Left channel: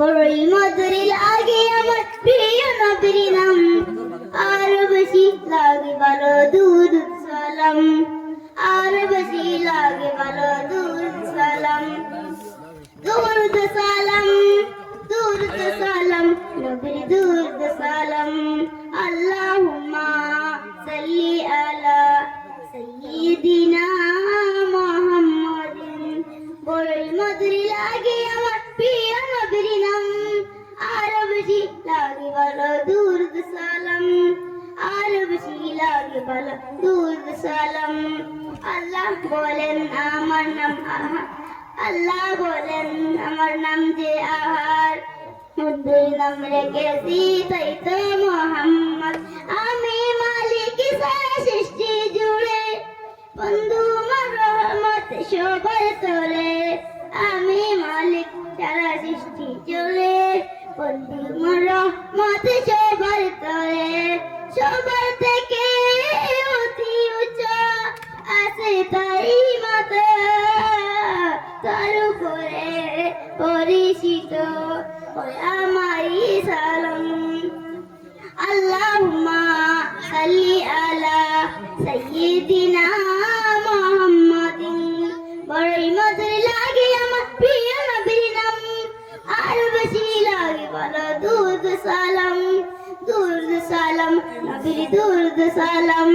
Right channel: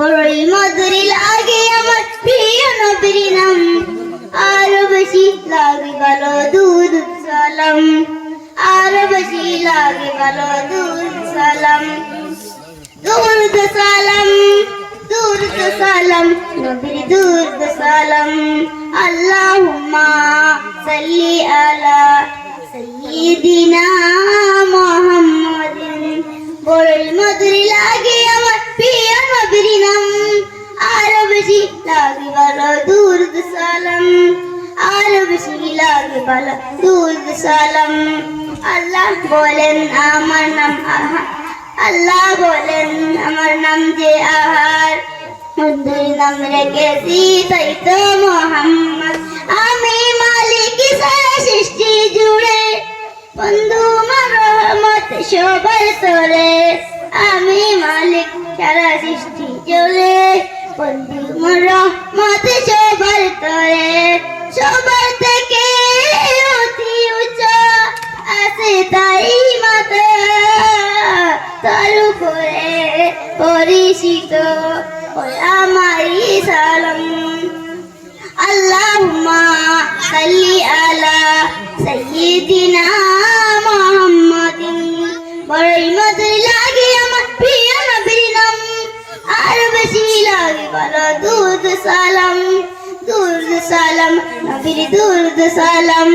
বড়ই মধুর লাগে আমার প্রিয় নবীর নাম, আরো বেশি লাগে ভালো দুরূদ সালাম, আরো বেশি লাগে ভালো দুরূদ সালাম। দুরূদ সালাম, দুরূদ সালাম, নবীর দুরূদ সালাম। আল্লাহুম্মা সাল্লি আলা সাইয়্যিদিনা মুহাম্মাদিন। বড়ই মধুর লাগে আমার প্রিয় নবীর নাম, আরো বেশি লাগে ভালো দুরূদ সালাম, আরো বেশি লাগে ভালো দুরূদ সালাম। আল্লাহ বলেন আমার নাম আহার, আল্লাহ বলেন আমার নাম যে আহার, বন্ধুর নাম রেখেছি তাই তো মোহাম্মদ। আমি মালিক সারা সৃষ্টি জুড়ে, বন্ধু আমার রহমত সবার তোরে। আমি মালিক সারা সৃষ্টি জুড়ে, বন্ধু আমার রহমত সবার তোরে। সবার থেকে অতি উঁচা আছে তাই মাতা, তার উপরে পরিচিত আমারই সালাম। আল্লাহুম্মা সাল্লি আলা সাইয়্যিদিনা মুহাম্মাদিন। বড়ই মধুর লাগে আমার প্রিয় নবীর নাম, আরো বেশি লাগে ভালো দুরূদ সালাম, দুরূদ সালাম, নবীর দুরূদ সালাম।